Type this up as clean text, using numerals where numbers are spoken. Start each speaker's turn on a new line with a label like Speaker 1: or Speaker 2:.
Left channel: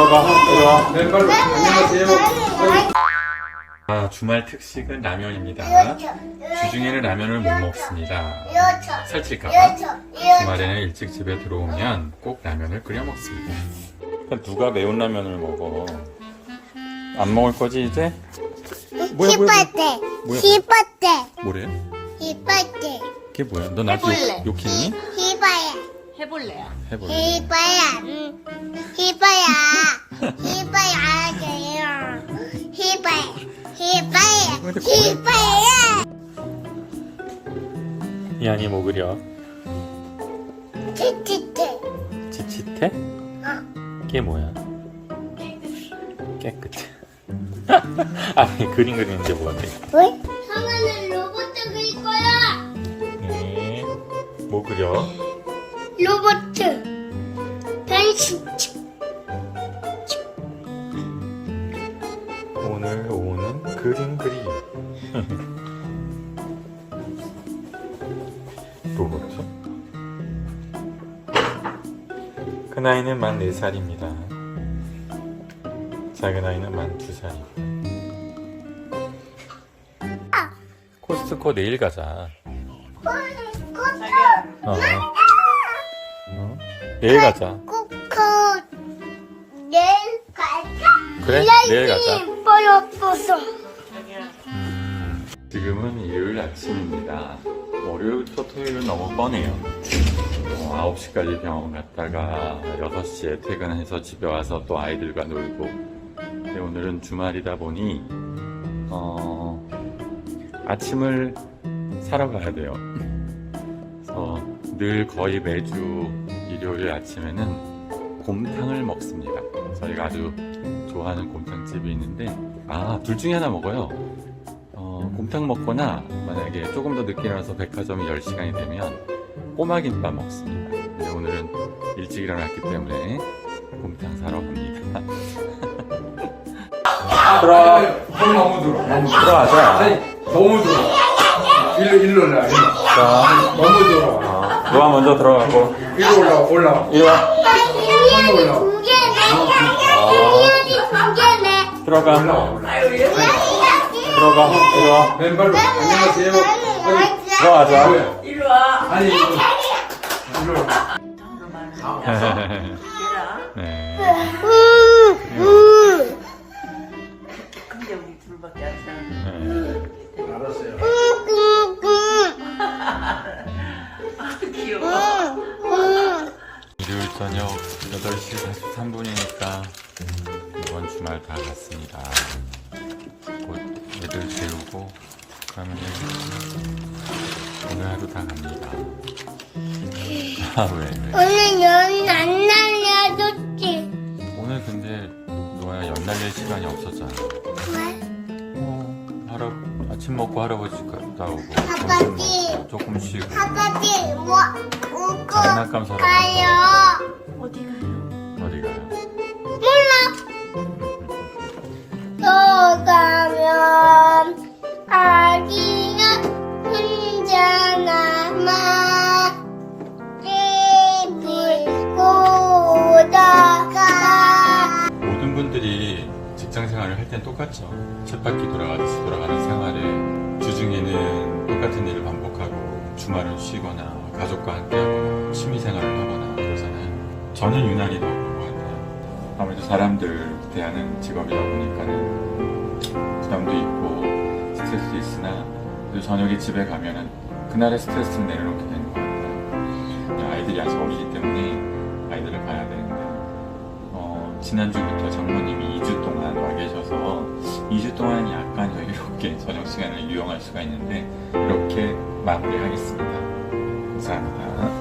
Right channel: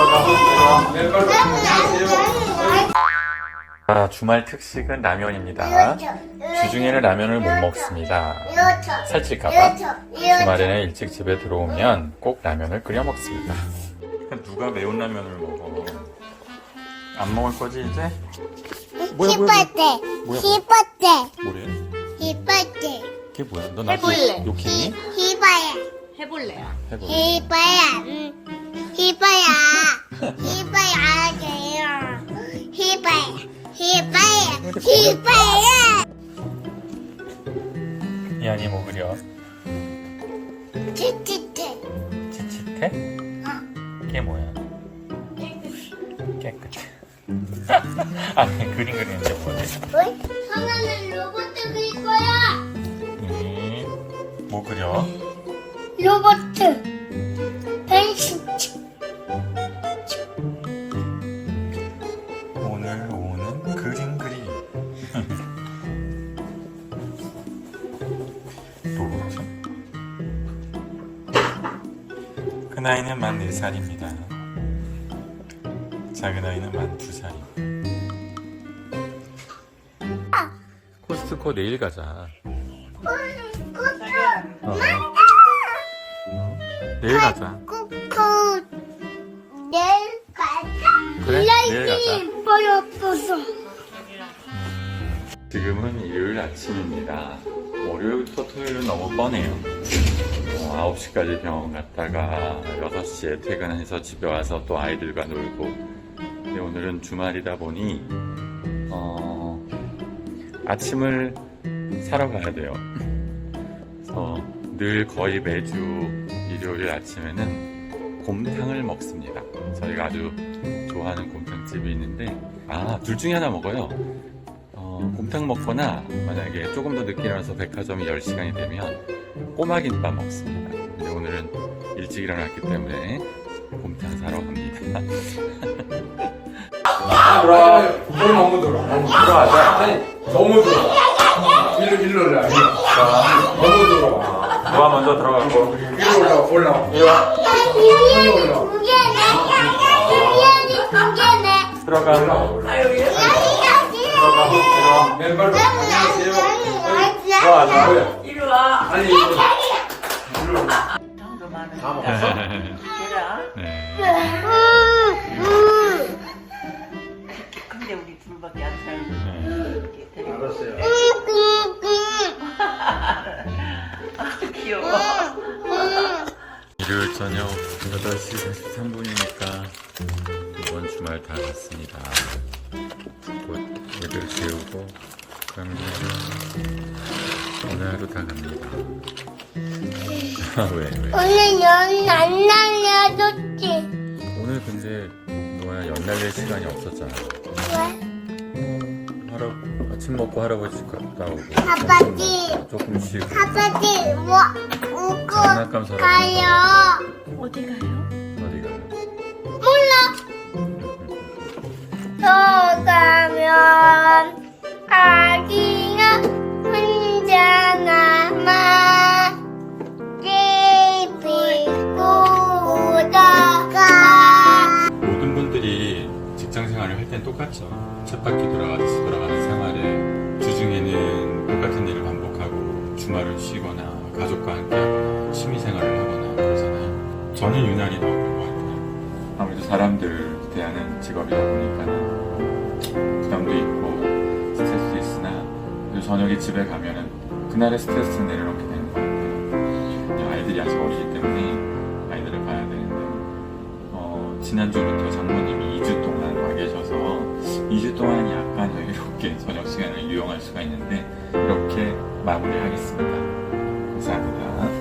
Speaker 1: 주말 특식은 라면입니다. 주중에는 라면을 못 먹습니다. 살찔까봐. 주말에는 일찍 집에 들어오면 꼭 라면을 끓여 먹습니다. 누가 매운 라면을 먹어? 안 먹을 거지 이제? 뭐야? 뭐래? 그게 뭐야? 너 나한테 욕했니?
Speaker 2: 해볼래요.
Speaker 1: 이한이 뭐 그려? 지치태? 그게 뭐야? 깨끗해. 아니 그림 그리는 게 뭐야?
Speaker 2: 하나는 로봇 그릴 거야.
Speaker 1: 뭐 그려?
Speaker 2: 로봇 변신.
Speaker 1: 오늘 오는 그림 그리. 또 뭐지? 큰 아이는 만 4살입니다. 작은 아이는 만 2살이고. 코스트코 내일 가자. 내일 가자. 그래? 내일 가자. 지금은 일요일 아침입니다. 월요일부터 토요일은 너무 뻔해요. 9시까지 병원 갔다가 6시에 퇴근해서 집에 와서 또 아이들과 놀고. 근데 오늘은 주말이다 보니 아침을 사러 가야 돼요. 그래서 늘 거의 매주 일요일 아침에는 곰탕을 먹습니다. 저희가 아주 좋아하는 곰탕집이 있는데 둘 중에 하나 먹어요. 곰탕 먹거나 만약에 조금 더 늦게 일어나서 백화점이 10시간이 되면 꼬마김밥 먹습니다. 근데 오늘은 일찍 일어났기 때문에 곰탕 사러 갑니다.
Speaker 3: 거기 너무 들어. 아니, 너무 들어. 일로 올라. 너무 들어.
Speaker 1: 누가 먼저 들어가고?
Speaker 3: 일로 올라와.
Speaker 1: 들어가. 들어가.
Speaker 3: 맨발로. 안녕하세요.
Speaker 1: 들어가자.
Speaker 2: 이리 와.
Speaker 3: 아니, 일로 올라.
Speaker 1: 네.
Speaker 2: 근데 우리 둘밖에 안 사는.
Speaker 3: 알았어요.
Speaker 2: 귀여워.
Speaker 1: 일요일 저녁 8시 43분이니까 이번 주말 다 갔습니다. 곧 애들 재우고 그러면 오늘 하루 다 갑니다. 왜?
Speaker 2: 오늘 연 안 날려줬지.
Speaker 1: 오늘 근데 너야 연 날릴 시간이 없었잖아.
Speaker 2: 왜?
Speaker 1: 아침 먹고 할아버지 갔다 오고
Speaker 2: 아빠지.
Speaker 1: 점심 먹고 조금 쉬고
Speaker 2: 아빠지 뭐 웃고
Speaker 1: 장난감 사러
Speaker 2: 가요.
Speaker 1: 어디 가요?
Speaker 2: 또 가면 아기가 혼자 남아 TV 보다가.
Speaker 1: 모든 분들이 직장 생활을 할 땐 똑같죠. 쳇바퀴 돌아가듯이 돌아가는 생활에 주중에는 똑같은 일을 반복하고 주말을 쉬거나 가족과 함께 하거나 취미생활을 하거나 그러잖아요. 저는 유난히 더 그런 것 같아요. 아무래도 사람들 대하는 직업이다 보니까는 부담도 있고 스트레스도 있으나 그래도 저녁에 집에 가면은 그날의 스트레스는 내려놓게 되는 것 같아요. 아이들이 아직 어리기 때문에 아이들을 봐야 되는데 지난주부터 장모님이 2주 동안 와 계셔서 2주 동안 약간 여유롭게 저녁 시간을 이용할 수가 있는데 이렇게 마무리하겠습니다. 감사합니다.